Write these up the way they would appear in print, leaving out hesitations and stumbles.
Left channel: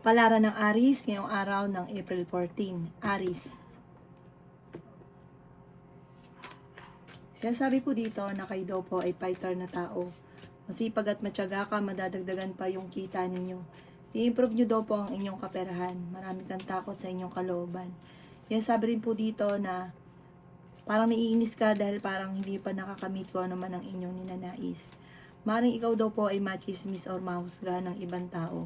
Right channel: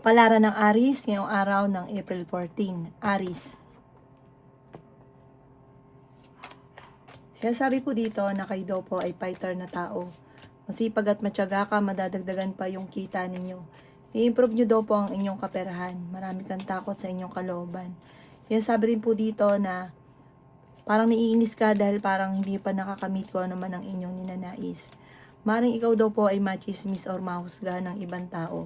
Kapalaran ng Aries ngayong araw ng April 14. Aries. Sinasabi po dito na kayo daw po ay fighter na tao. Masipag at matyaga ka, madadagdagan pa yung kita ninyo. I-improve nyo daw po ang inyong kaperahan. Marami kang takot sa inyong kalooban. Sinasabi rin po dito na parang naiinis ka dahil parang hindi pa nakakamit ko ano man ang inyong ninanais. Maring ikaw daw po ay machismis or mahusga ng ibang tao.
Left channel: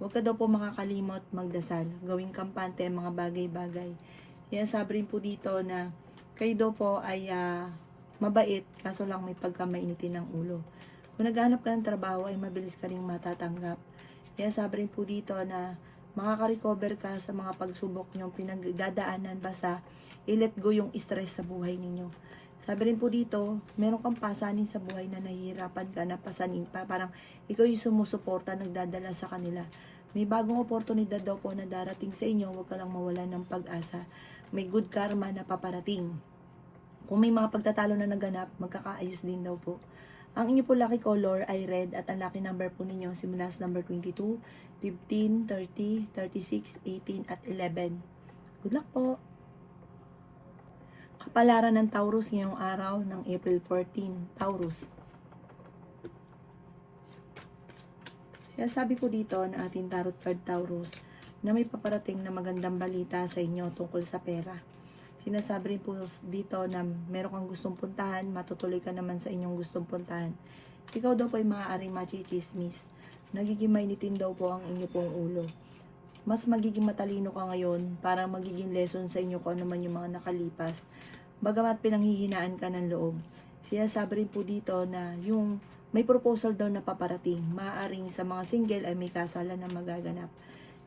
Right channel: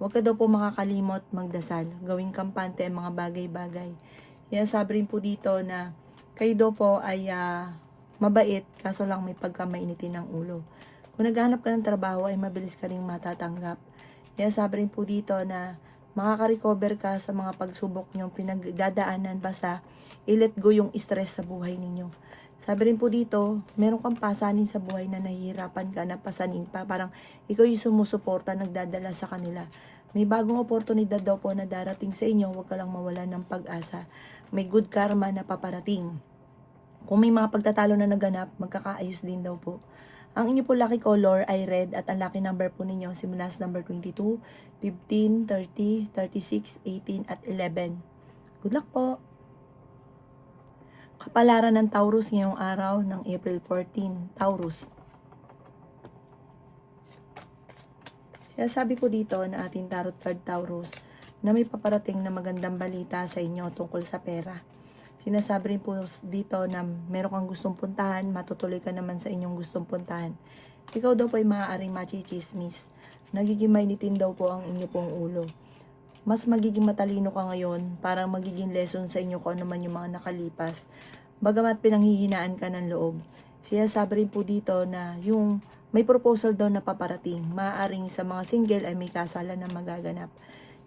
Huwag ka daw po makakalimot magdasal. Gawing kampante ang mga bagay-bagay. Sinasabi rin po dito na kayo daw po ay mabait, kaso lang may pagkamainitin ng ulo. Kung naghahanap ka ng trabaho ay mabilis ka rin matatanggap. Sinasabi rin po dito na makaka-recover ka sa mga pagsubok nyong pinagdadaanan basta i-let go yung stress sa buhay ninyo. Sabi rin po dito, meron kang pasanin sa buhay na nahihirapan ka na pasanin pa. Parang ikaw yung sumusuporta, nagdadala sa kanila. May bagong oportunidad daw po na darating sa inyo, huwag ka lang mawala ng pag-asa. May good karma na paparating. Kung may mga pagtatalo na naganap, magkakaayos din daw po. Ang inyo po lucky color ay red at ang lucky number po ninyo simula sa number 22, 15, 30, 36, 18 at 11. Good luck po! Kapalaran ng Taurus ngayong araw ng April 14. Taurus. Sinasabi po dito na ating tarot card Taurus na may paparating na magandang balita sa inyo tungkol sa pera. Sinasabi rin po dito na meron kang gustong puntahan, matutuloy ka naman sa inyong gustong puntahan. Ikaw daw po ay maaaring machichismis. Nagiging mainitin daw po ang inyo pong ulo. Mas magiging matalino ka ngayon, parang magiging lesson sa inyo kung ano man yung mga nakalipas. Bagamat pinanghihinaan ka ng loob. Sinasabi rin po dito na yung may proposal daw na paparating. Maaaring sa mga single ay may kasalan na magaganap.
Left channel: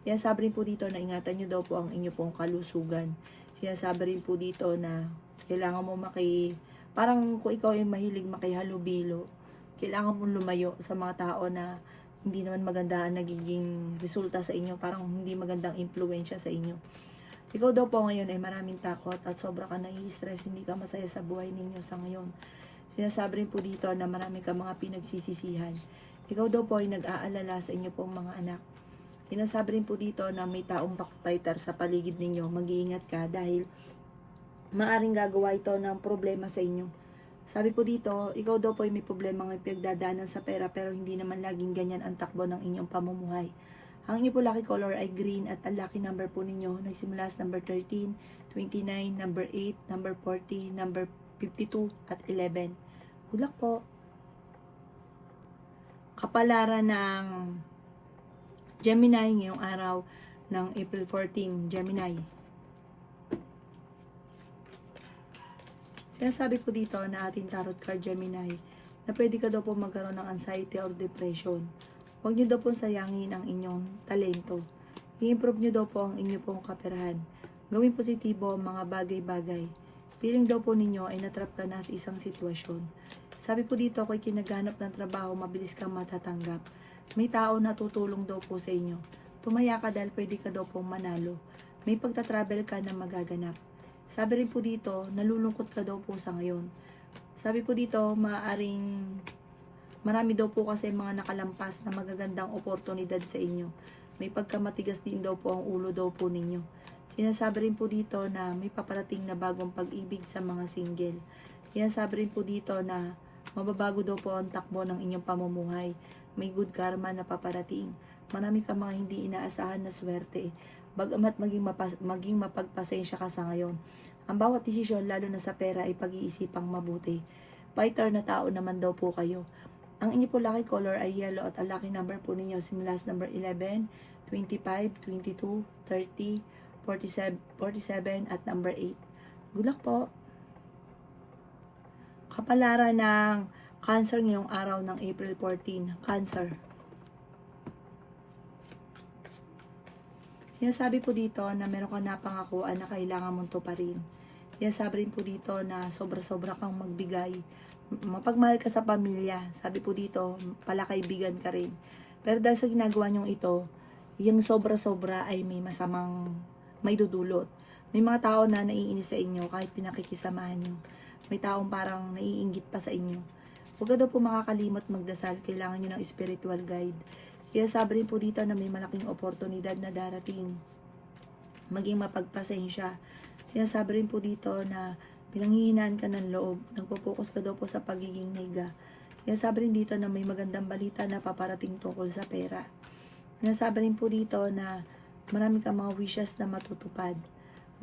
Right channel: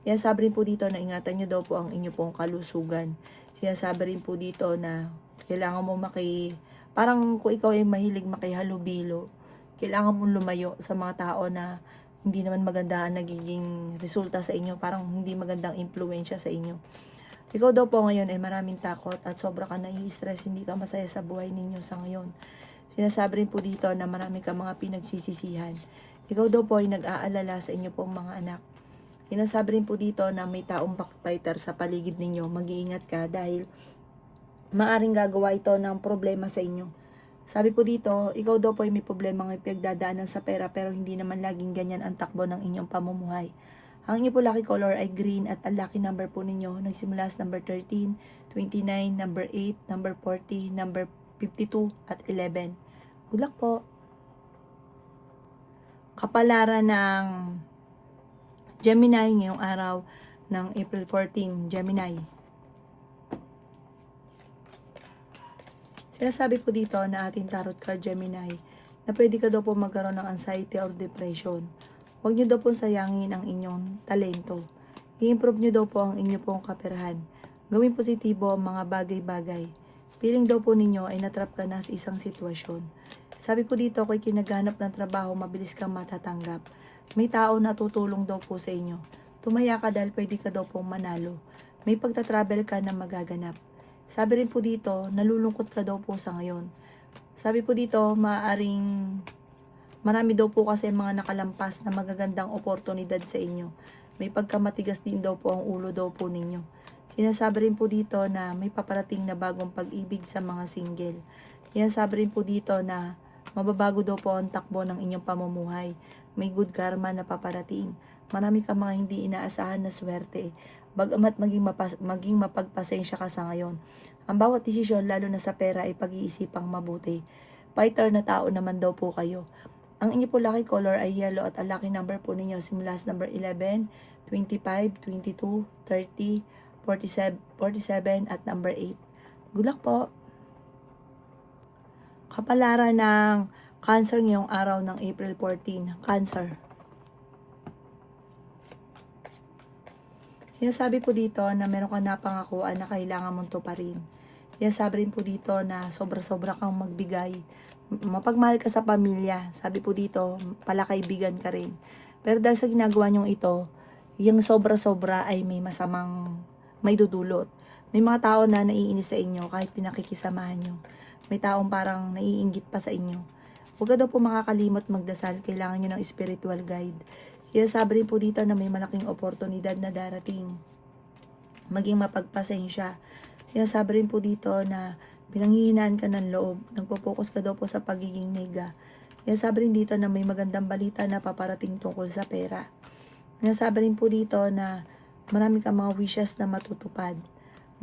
Sinasabi rin po dito na ingatan nyo daw po ang inyo pong kalusugan. Sinasabi rin po dito na kailangan mo parang kung ikaw ay mahilig makihalubilo, kailangan mong lumayo sa mga tao na hindi naman maganda ang nagiging resulta sa inyo, parang hindi magandang impluensya sa inyo. Ikaw daw po ngayon ay maraming takot at sobra ka nai-stress, hindi ka masaya sa buhay ninyo sa ngayon. Sinasabi rin po dito na marami ka mga pinagsisisihan. Ikaw daw po ay nag-aalala sa inyo pong mga anak. Sinasabi rin po dito na may taong backbiter sa paligid ninyo. Mag-iingat ka dahil maaring gagawa ito ng problema sa inyo. Sabi po dito, ikaw daw po ay may problema ng pinagdadaanan sa pera pero hindi naman laging ganyan ang takbo ng inyong pamumuhay. Ang inyo po lucky color ay green at ang lucky number po ninyo nagsimula sa number 13, 29, number 8, number 40, number 52 at 11. Good luck po! Kapalaran ng Gemini ngayong araw ng April 14, Gemini. Sinasabi po dito na ating tarot card Gemini na pwede ka daw po magkaroon ng anxiety or depression. Huwag nyo daw po sayangin ang inyong talento. I-improve nyo daw po ang inyong pong kaperahan. Gawin positibo ang mga bagay-bagay. Feeling daw po ninyo ay natrap ka na sa isang sitwasyon. Sabi po dito, kung kinaghanap ng trabaho, mabilis kang matatanggap. May tao na tutulong daw po sa inyo. Tumaya ka dahil pwede ka daw pong manalo. May pagta-travel ka na magaganap. Sabi rin po dito, nalulungkot ka daw po sa ngayon. Sabi po dito, marami daw po kasi mga nakalampas na magagandang oportunidad sa inyo. May pagkamatigas din daw po ang ulo daw po ninyo. Sinasabi rin po dito na may paparating na bagong pag-ibig sa mga single. Sinasabi rin po dito na mababago daw po ang takbo ng inyong pamumuhay. May good karma na paparating. Marami ka mga hindi inaasahan na swerte. Bagamat maging mapagpasensya ka sa ngayon. Ang bawat desisyon, lalo na sa pera, ay pag-iisipang mabuti. Fighter na tao naman daw po kayo. Ang inyo po lucky color ay yellow at ang lucky number po ninyo simula sa number 11, 25, 22, 30, 47 at number 8. Good luck po! Kapalaran ng Cancer ngayong araw ng April 14. Cancer. Sinasabi po dito na meron kang napangakuan na kailangan mong tuparin. Sinasabi rin po dito na sobra-sobra kang magbigay. Mapagmahal ka sa pamilya. Sabi po dito, palakaibigan ka rin. Pero dahil sa ginagawa nyong ito, yung sobra-sobra ay may dudulot. May mga tao na naiinis sa inyo kahit pinakikisamahan nyo. May taong parang naiinggit pa sa inyo. Huwag ka daw po makakalimot magdasal. Kailangan nyo ng spiritual guide. Sinasabi rin po dito na may malaking oportunidad na darating. Maging mapagpasensya. Sinasabi rin po dito na pinanghihinaan ka ng loob. Nagpo-focus ka daw po sa pagiging nega. Sinasabi rin dito na may magandang balita na paparating tungkol sa pera. Sinasabi rin po dito na marami kang mga wishes na matutupad.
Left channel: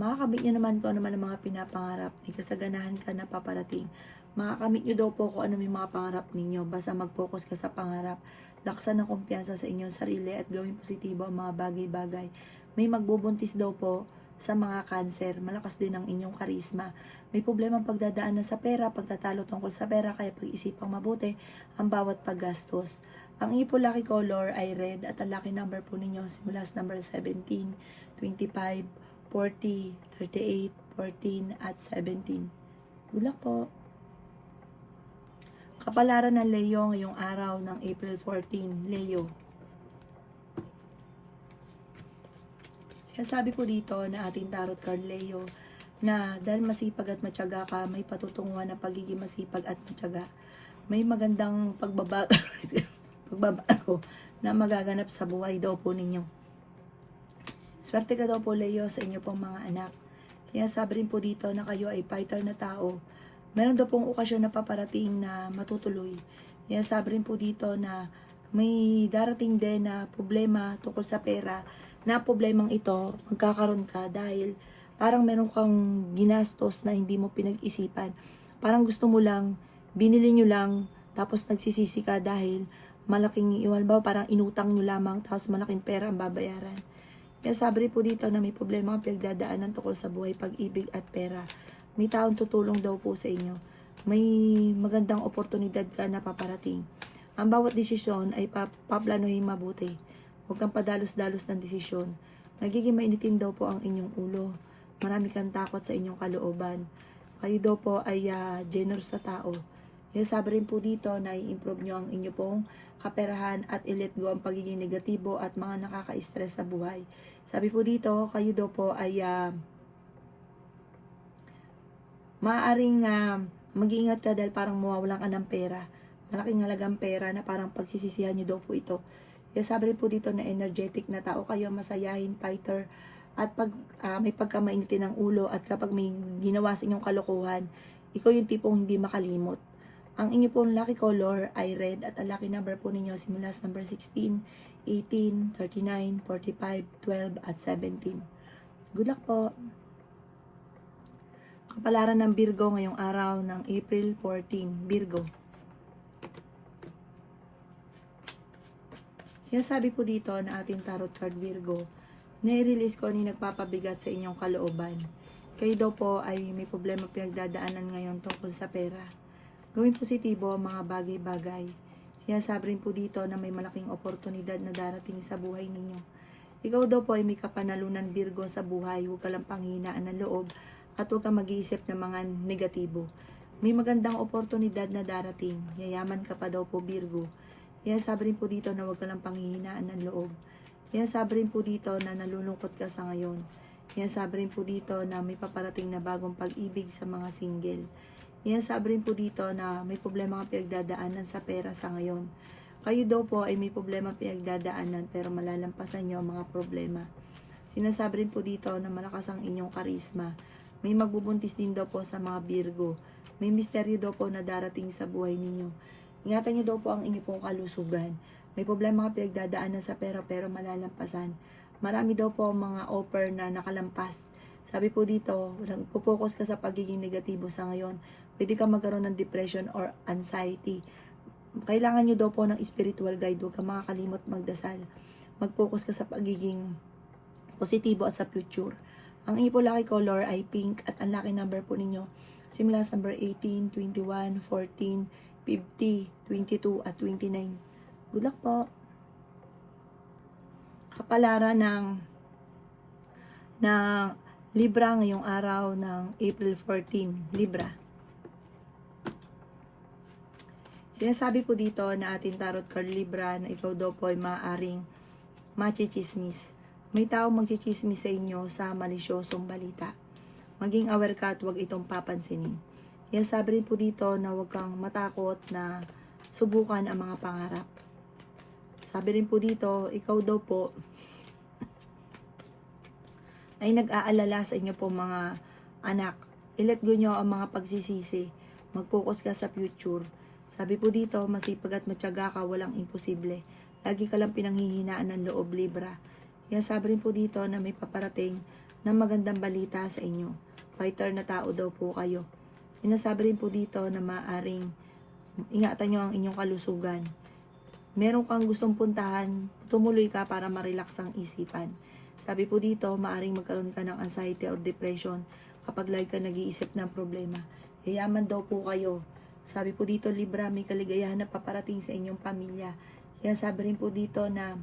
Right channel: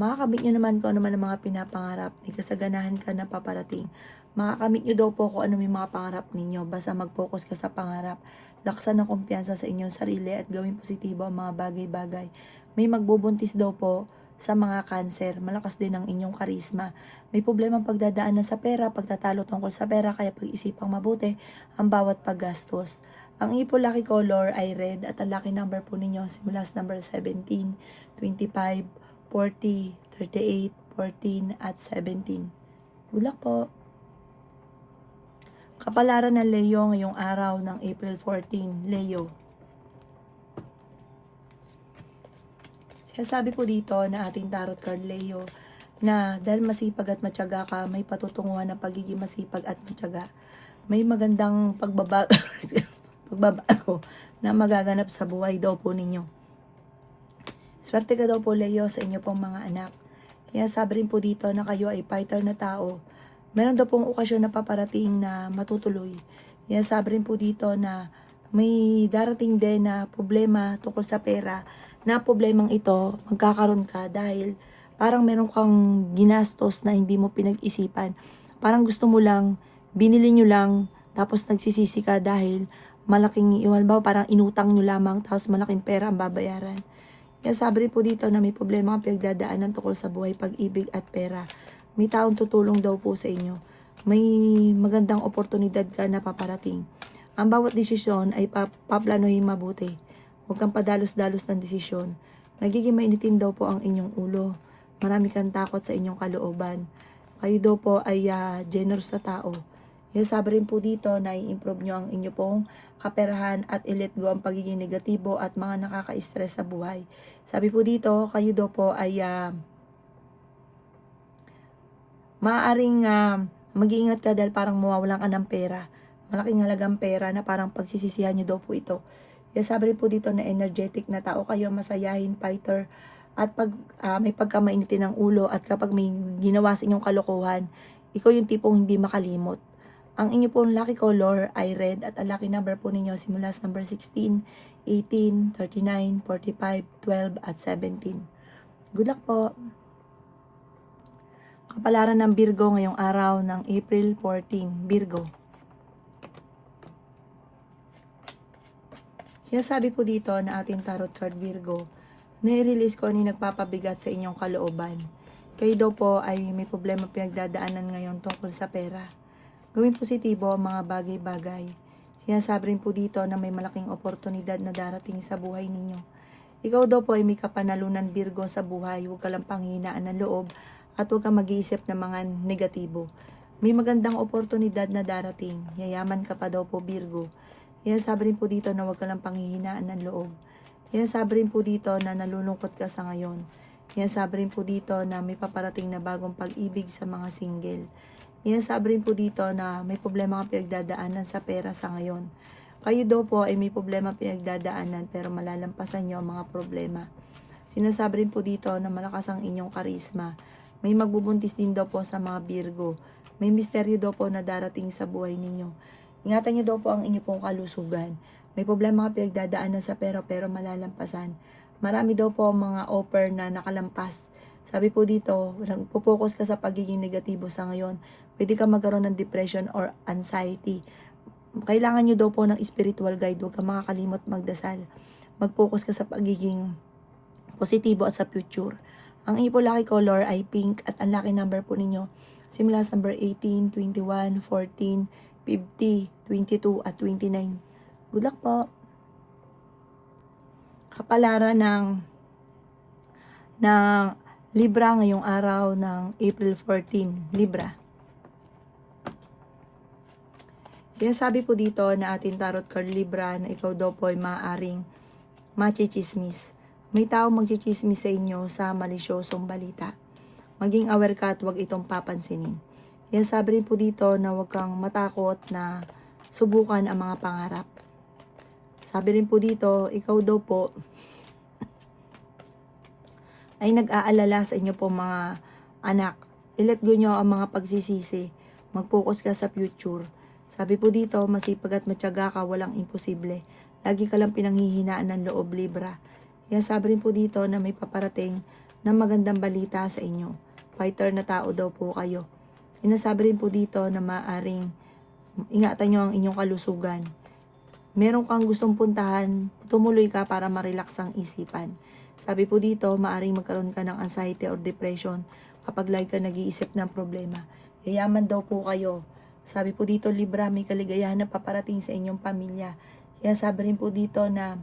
Makakamit nyo naman kung ano man ang mga pinapangarap. May kasaganahan ka na paparating. Makakamit nyo daw po kung ano may mga pangarap ninyo. Basta mag-focus ka sa pangarap. Laksan ng kumpiyansa sa inyong sarili at gawin positibo ang mga bagay-bagay. May magbubuntis daw po sa mga cancer. Malakas din ang inyong karisma. May problemang pagdadaanan sa pera, pagtatalo tungkol sa pera, kaya pag-isipang mabuti ang bawat paggastos. Ang inyong po lucky color ay red at ang lucky number po ninyo simula sa number 17, 25, 40, 38, 14 at 17. Good luck po! Kapalaran ng Leo ngayong araw ng April 14, Leo. Sabi po dito na ating tarot card Leo na dahil masipag at matyaga ka, may patutunguhan ng pagiging masipag at matyaga. May magandang pagbabago na magaganap sa buhay daw po ninyo. Swerte ka daw po Leo sa inyo pong mga anak. Kaya sabi rin po dito na kayo ay fighter na tao. Meron daw pong okasyon na paparating na matutuloy. Kaya sabi rin po dito na may darating din na problema tungkol sa pera, na problemang ito magkakaroon ka dahil parang meron kang ginastos na hindi mo pinag-isipan. Parang gusto mo lang, binili nyo lang, tapos nagsisisi ka dahil malaking, iwan ba, parang inutang nyo lamang, tapos malaking pera ang babayaran. Kaya sabi rin po dito na may problema ang pinagdadaanan tungkol sa buhay, pag-ibig at pera. May taong tutulong daw po sa inyo. May magandang oportunidad ka na paparating. Ang bawat desisyon ay paplanuhin mabuti. Huwag kang padalos-dalos ng desisyon. Nagiging mainitin daw po ang inyong ulo. Marami kang takot sa inyong kalooban. Kayo daw po ay generous sa tao. Kaya sabi rin po dito na i-improve nyo ang inyo pong kaperahan at i-let go ang pagiging negatibo at mga nakaka-stress sa buhay. Sabi po dito, kayo daw po ay maaaring mag-iingat ka dahil parang mawawalan ka ng pera. Malaking halagang pera na parang pagsisisihan nyo daw po ito. Kaya sabi rin po dito na energetic na tao kayo, masayahin, fighter, at pag may pagkamainitin ng ulo at kapag may ginawa sa inyong kalokohan, ikaw yung tipong hindi makalimot. Ang inyo pong lucky color ay red at ang lucky number po ninyo simula sa number 16, 18, 39, 45, 12 at 17. Good luck po! Kapalaran ng Virgo ngayong araw ng April 14, Virgo. Kaya sabi po dito na ating tarot card Virgo, nai-release ko ano yung nagpapabigat sa inyong kalooban. Kayo daw po ay may problema pinagdadaanan ngayon tungkol sa pera. Gawin positibo ang mga bagay-bagay. Sinasabi rin po dito na may malaking oportunidad na darating sa buhay ninyo. Ikaw daw po ay may kapanalunan Virgo sa buhay. Huwag ka lang panghinaan ng loob at huwag kang mag-iisip ng mga negatibo. May magandang oportunidad na darating. Yayaman ka pa daw po Virgo. Sinasabi rin po dito na huwag ka lang panghihinaan ng loob. Sinasabi rin po dito na nalulungkot ka sa ngayon. Sinasabi rin po dito na may paparating na bagong pag-ibig sa mga single. Sinasabi rin po dito na may problema kang pinagdadaanan sa pera sa ngayon. Kayo daw po ay may problema pinagdadaanan pero malalampasan nyo ang mga problema. Sinasabi rin po dito na malakas ang inyong karisma. May magbubuntis din daw po sa mga Virgo. May misteryo daw po na darating sa buhay ninyo. Ingatan nyo daw po ang inyong pong kalusugan. May problema kang pinagdadaanan sa pera pero malalampasan. Marami daw po mga offer na nakalampas. Sabi po dito, pupokus ka sa pagiging negatibo sa ngayon. Pwede ka magkaroon ng depression or anxiety. Kailangan nyo daw po ng spiritual guide. Huwag ka makakalimot magdasal. Mag-focus ka sa pagiging positibo at sa future. Ang inyong po lucky color ay pink at ang lucky number po ninyo simula sa number 18, 21, 14, 50, 22 at 29. Good luck po! Kapalaran ng Libra ngayong araw ng April 14, Libra. Sinasabi po dito na ating tarot card Libra na ikaw daw po ay maaaring machichismis. May tao magchichismis sa inyo sa malisyosong balita. Maging aware ka at huwag itong papansinin. Sabi rin po dito na huwag kang matakot na subukan ang mga pangarap. Sabi rin po dito, ikaw daw po ay nag-aalala sa inyo po mga anak. I-let go nyo ang mga pagsisisi. Mag-focus ka sa future. Sabi po dito, masipag at matyaga ka, walang imposible. Lagi ka lang pinanghihinaan ng loob, Libra. Yan, sabi rin po dito na may paparating na magandang balita sa inyo. Fighter na tao daw po kayo. Sinasabi rin po dito na maaring ingatan nyo ang inyong kalusugan. Meron kang gustong puntahan, tumuloy ka para ma-relax ang isipan. Sabi po dito, maaring magkaroon ka ng anxiety or depression kapag lagi ka nag-iisip ng problema. Yayaman daw po kayo. Sabi po dito, Libra, may kaligayahan na paparating sa inyong pamilya. Kaya sabi rin po dito na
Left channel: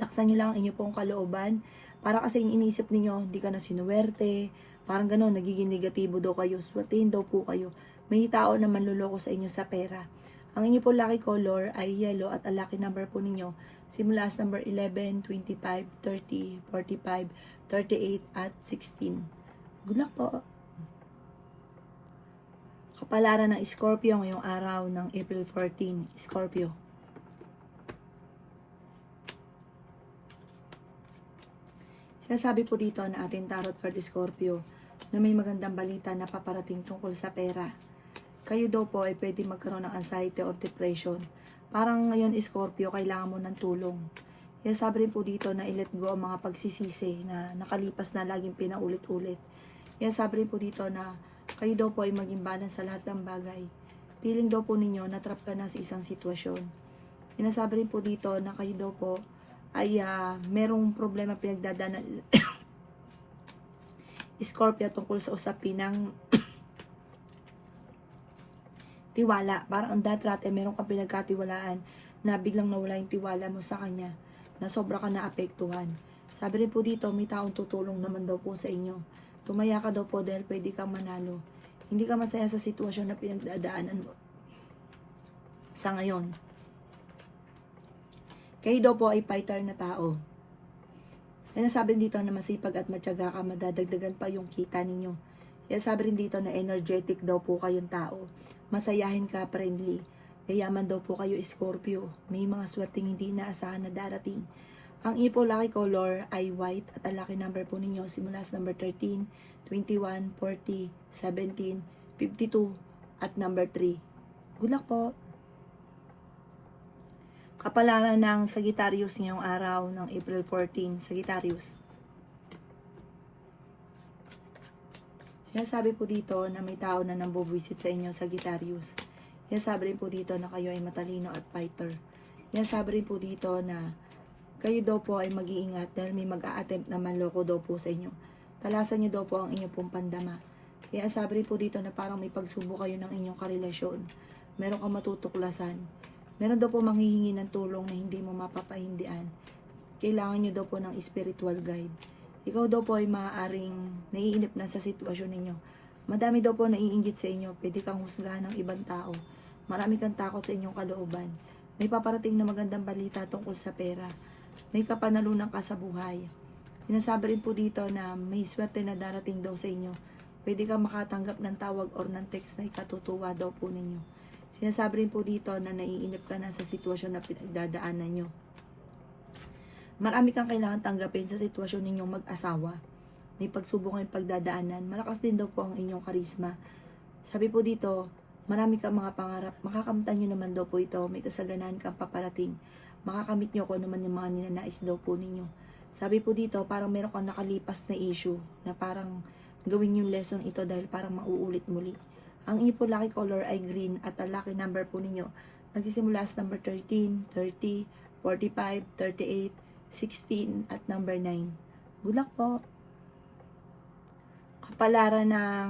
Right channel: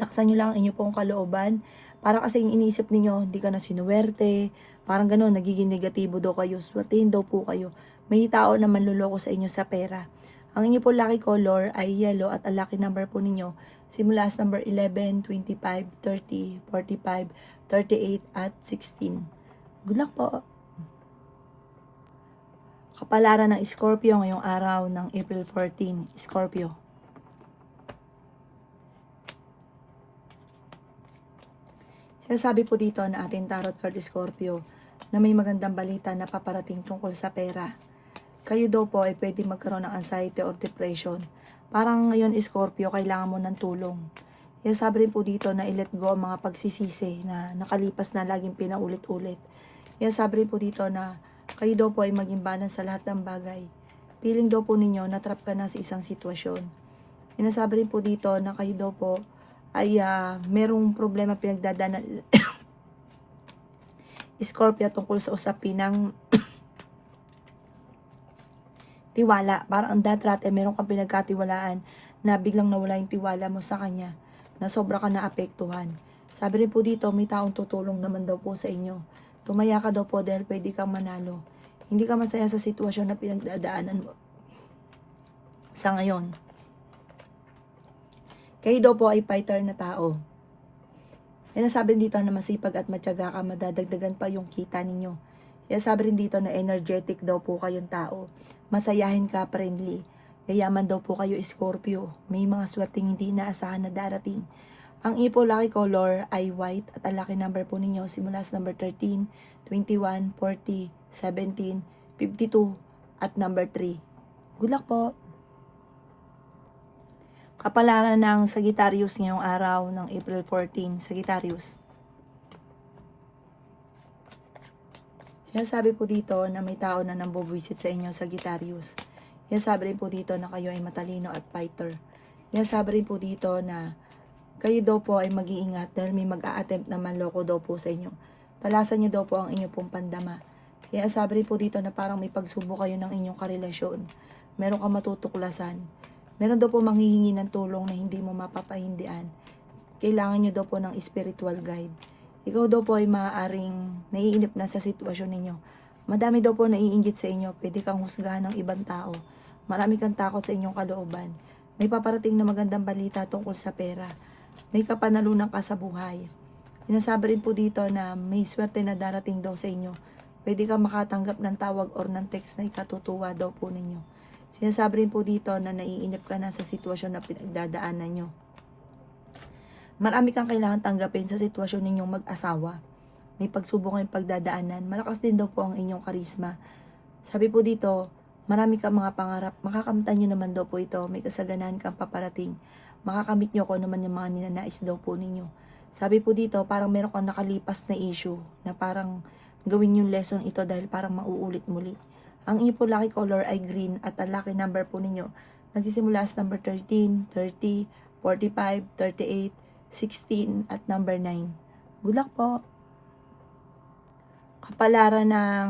laksan nyo lang ang inyong pong kalooban. Para kasi yung iniisip ninyo, hindi ka na sinuwerte. Parang gano'n, nagiging negatibo daw kayo. Swertein daw po kayo. May tao na manluloko sa inyo sa pera. Ang inyo po lucky color ay yellow at ang lucky number po ninyo simula sa number 11, 25, 30, 45, 38 at 16. Good luck po! Kapalaran ng Scorpio ngayong araw ng April 14, Scorpio. Sinasabi po dito na ating tarot card Scorpio na may magandang balita na paparating tungkol sa pera. Kayo daw po ay pwede magkaroon ng anxiety or depression. Parang ngayon, Scorpio, kailangan mo ng tulong. Kaya sabi rin po dito na i-let go ang mga pagsisisi na nakalipas na laging pinaulit-ulit. Kaya sabi rin po dito na kayo daw po ay maging balance sa lahat ng bagay. Feeling daw po ninyo na trap ka na sa isang sitwasyon. Sinasabi rin po dito na kayo daw po ay merong problema pinagdadaanan Scorpio tungkol sa usapin ng tiwala. Parang ang dati meron kang pinagkatiwalaan na biglang nawala yung tiwala mo sa kanya, na sobra ka naapektuhan. Sabi rin po dito, may taong tutulong naman daw po sa inyo. Tumaya ka daw po dahil pwede kang manalo. Hindi ka masaya sa sitwasyon na pinagdadaanan mo sa ngayon. Kayo daw po ay fighter na tao. Kaya sabi dito na masipag at matyaga ka, madadagdagan pa yung kita ninyo. Kaya sabi rin dito na energetic daw po kayong tao. Masayahin ka, friendly. Yayaman daw po kayo, Scorpio. May mga swerteng hindi inaasahan na darating. Ang ipo lucky color ay white at ang lucky number po ninyo simula sa number 13, 21, 40, 17, 52 at number 3. Good luck po! Kapalaran ng Sagittarius ngayong araw ng April 14, Sagittarius. Sinasabi po dito na may tao na nambubuisit sa inyo, Sagittarius. Sinasabi rin po dito na kayo ay matalino at fighter. Sinasabi rin po dito na kayo daw po ay mag-iingat dahil may mag-a-attempt na manloko daw po sa inyo. Talasan nyo daw po ang inyong pong pandama. Sinasabi rin po dito na parang may pagsubok kayo ng inyong karelasyon. Meron kang matutuklasan. Meron daw po manghihingi ng tulong na hindi mo mapapahindian. Kailangan nyo daw po ng spiritual guide. Ikaw daw po ay maaaring naiinip na sa sitwasyon ninyo. Madami daw po naiinggit sa inyo. Pwede kang husgahan ng ibang tao. Marami kang takot sa inyong kalooban. May paparating na magandang balita tungkol sa pera. May kapanalunan ka sa buhay. Sinasabi rin po dito na may swerte na darating daw sa inyo. Pwede kang makatanggap ng tawag or ng text na ikatutuwa daw po ninyo. Sinasabi rin po dito na naiinip ka na sa sitwasyon na pinagdadaanan nyo. Marami kang kailangan tanggapin sa sitwasyon ninyong mag-asawa. May pagsubok kayong pagdadaanan. Malakas din daw po ang inyong karisma. Sabi po dito, marami kang mga pangarap. Makakamtan nyo naman daw po ito. May kasaganahan kang paparating. Makakamit nyo kung naman yung mga ninanais daw po ninyo. Sabi po dito, parang meron kang nakalipas na issue na parang gawin yung lesson ito dahil parang mauulit muli. Ang inyo po lucky color ay green at ang lucky number po ninyo nagsisimula sa number 13, 30, 45, 38, 16 at number 9. Good luck po! Kapalaran ng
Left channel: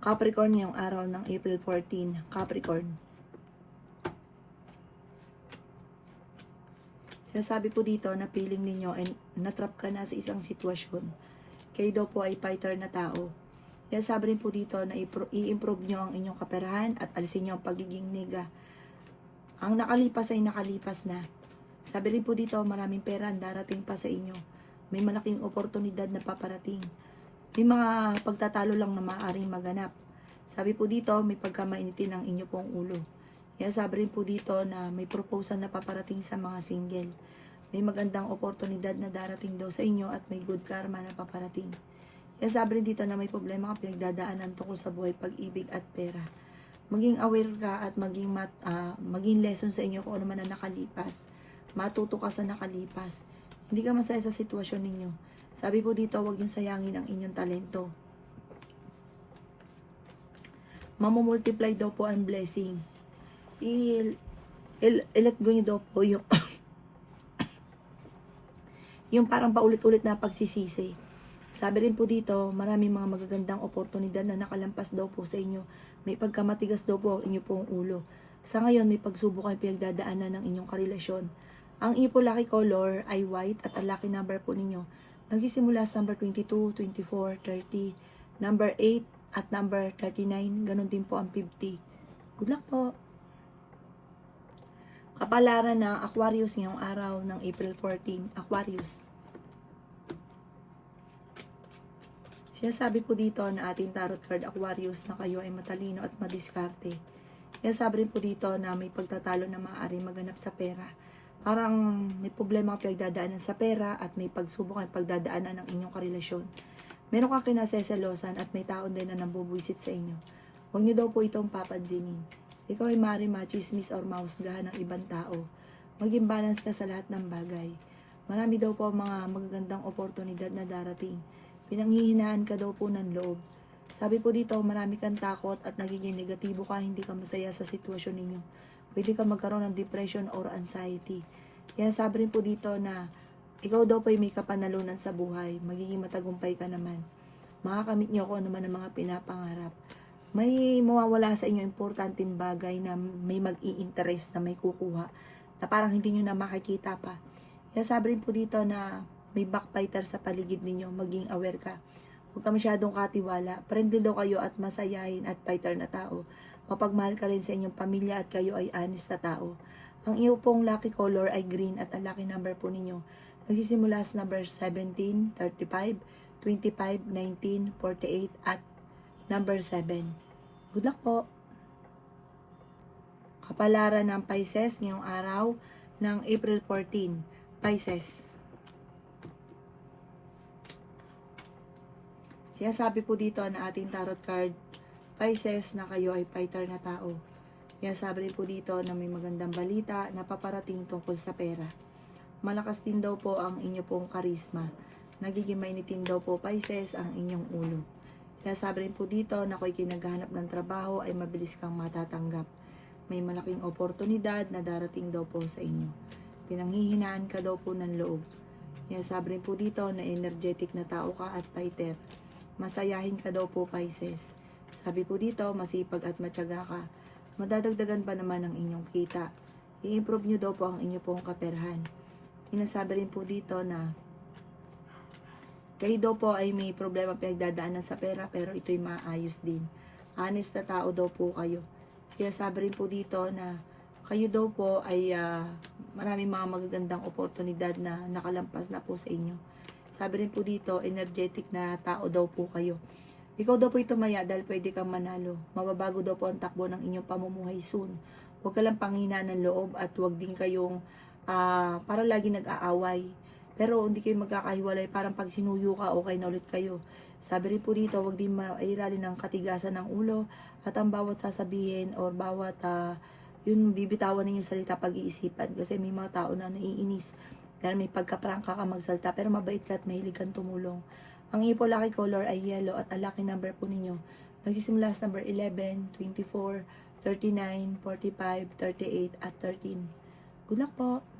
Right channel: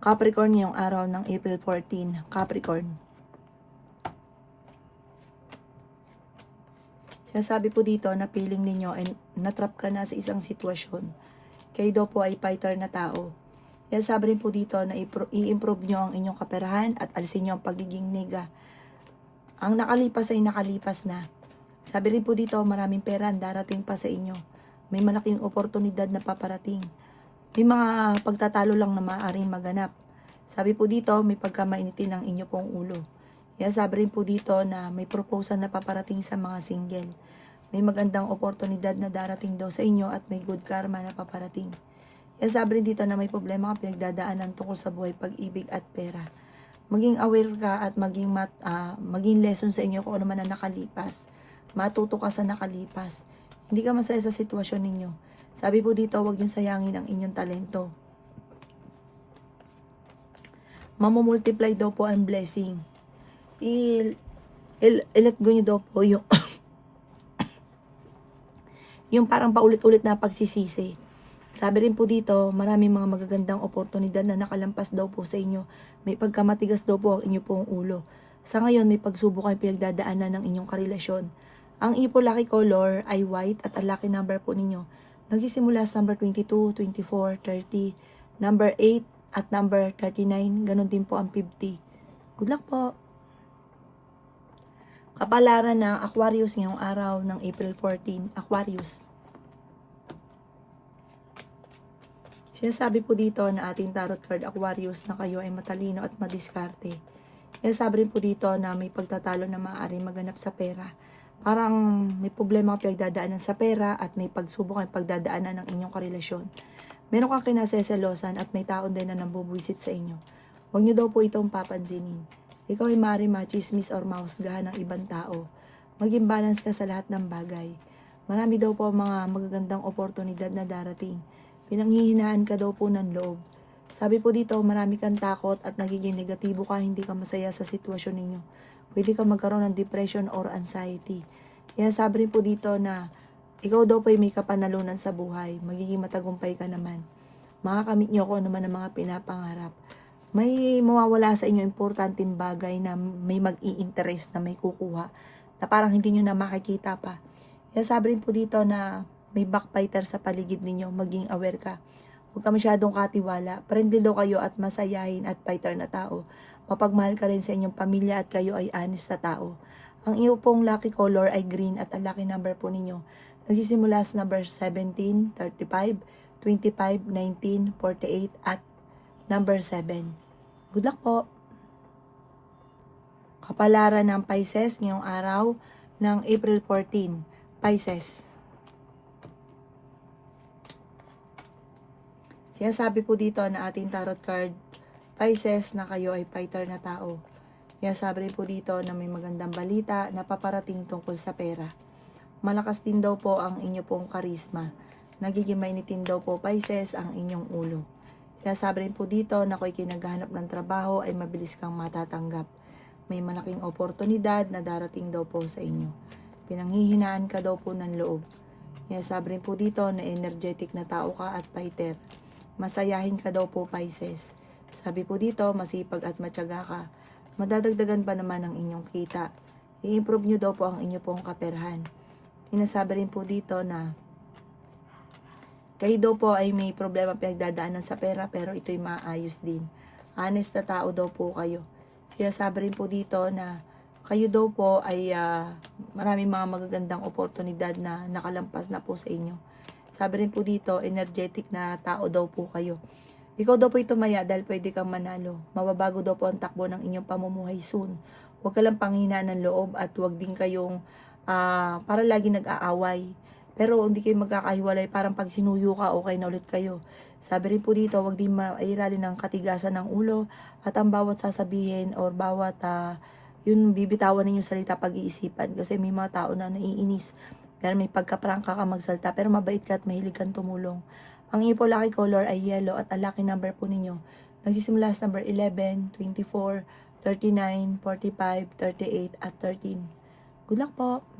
Capricorn ngayong araw ng April 14. Capricorn. Sinasabi po dito na feeling ninyo ay natrap ka na sa isang sitwasyon. Kayo daw po ay fighter na tao. Sinasabi rin po dito na i-improve nyo ang inyong kaperahan at alisin nyo ang pagiging nega. Ang nakalipas ay nakalipas na. Sabi rin po dito, maraming pera ang darating pa sa inyo. May malaking oportunidad na paparating. May mga pagtatalo lang na maaaring maganap. Sabi po dito, may pagkamainitin ng inyo pong ulo. Kaya sabi rin po dito na may proposal na paparating sa mga single. May magandang oportunidad na darating daw sa inyo at may good karma na paparating. Kaya sabi rin dito na may problema ka pinagdadaanan tungkol sa buhay, pag-ibig at pera. Maging aware ka at maging lesson sa inyo kung ano man na nakalipas. Matuto ka sa nakalipas. Hindi ka masaya sa sitwasyon ninyo. Sabi po dito, huwag niyong sayangin ang inyong talento. Mamumultiply daw po ang blessing. I-let go nyo daw po yung yung parang paulit-ulit na pagsisisi. Sabi rin po dito, maraming mga magagandang oportunidad na nakalampas daw po sa inyo. May pagkamatigas daw po ang inyo pong ulo. Sa ngayon, may pagsubok kayo pinagdadaanan ng inyong karelasyon. Ang inyo po lucky color ay white at ang lucky number po ninyo nagsisimula sa number 22, 24, 30, number 8 at number 39. Ganon din po ang 50. Good luck po! Kapalaran ng Aquarius ngayong araw ng April 14. Aquarius. Sinasabi po dito na ating tarot card Aquarius na kayo ay matalino at madiskarte. Sinasabi rin po dito na may pagtatalo na maaaring maganap sa pera. Parang may problema kang pinagdadaanan sa pera at may pagsubok ang pagdadaanan ng inyong karelasyon. Meron kang kinaseselosan at may taon din na nambubuisit sa inyo. Huwag niyo daw po itong papansinin. Ikaw ay maaaring machismis or mahusgahan ng ibang tao. Maging balance ka sa lahat ng bagay. Marami daw po mga magagandang oportunidad na darating. Pinanghihinaan ka daw po ng loob. Sabi po dito, marami kang takot at nagiging negatibo ka, hindi ka masaya sa sitwasyon ninyo. Pwede ka magkaroon ng depression or anxiety. Kaya sabi rin po dito na ikaw daw po ay may kapanalunan sa buhay. Magiging matagumpay ka naman. Makakamit niyo kung naman ang mga pinapangarap. May mawawala sa inyo importanteng bagay na may mag-i-interest na may kukuha na parang hindi nyo na makikita pa. Kaya sabi rin po dito na may backbiter sa paligid ninyo, maging aware ka. Huwag ka masyadong katiwala. Friendly daw kayo at masayahin at fighter na tao. Mapagmahal ka rin sa inyong pamilya at kayo ay honest na tao. Ang iyo pong lucky color ay green at ang lucky number po ninyo nagsisimula sa number 17, 35, 25, 19, 48 at number 7. Good luck po! Kapalaran ng Pisces ngayong araw ng April 14. Pisces. Sinasabi po dito na ating tarot card, Pisces, na kayo ay fighter na tao. Sinasabi rin po dito na may magandang balita na paparating tungkol sa pera. Malakas din daw po ang inyo pong karisma. Nagiging mainitin daw po, Pisces, ang inyong ulo. Sinasabi rin po dito na kung kinaghanap ng trabaho ay mabilis kang matatanggap. May malaking oportunidad na darating daw po sa inyo. Pinanghihinaan ka daw po ng loob. Sinasabi rin po dito na energetic na tao ka at fighter. Masayahin ka daw po, Pisces. Sabi po dito, masipag at matyaga ka. Madadagdagan pa naman ang inyong kita. I-improve nyo daw po ang inyo pong kaperahan. Sinasabi rin po dito na kayo daw po ay may problema pinagdadaanan sa pera pero ito'y maayos din. Honest na tao daw po kayo. Kaya sabi rin po dito na kayo daw po ay maraming mga magagandang oportunidad na nakalampas na po sa inyo. Sabi rin po dito, energetic na tao daw po kayo. Ikaw daw po tumaya dahil pwede kang manalo. Mababago daw po ang takbo ng inyong pamumuhay soon. Huwag ka lang panghinaan ng loob at huwag din kayong para lagi nag-aaway. Pero hindi kayo magkakahiwalay, parang pag sinuyo ka, okay na ulit kayo. Sabi rin po dito, huwag din mairali ng katigasan ng ulo at ang bawat sasabihin or bawat yung bibitawan ninyo salita pag-iisipan. Kasi may mga tao na naiinis dahil may pagkaprangka ka magsalita pero mabait ka at mahilig kang tumulong. Ang iyo po lucky color ay yellow at ang lucky number po ninyo nagsisimula sa number 11, 24, 39, 45, 38 at 13. Good luck po!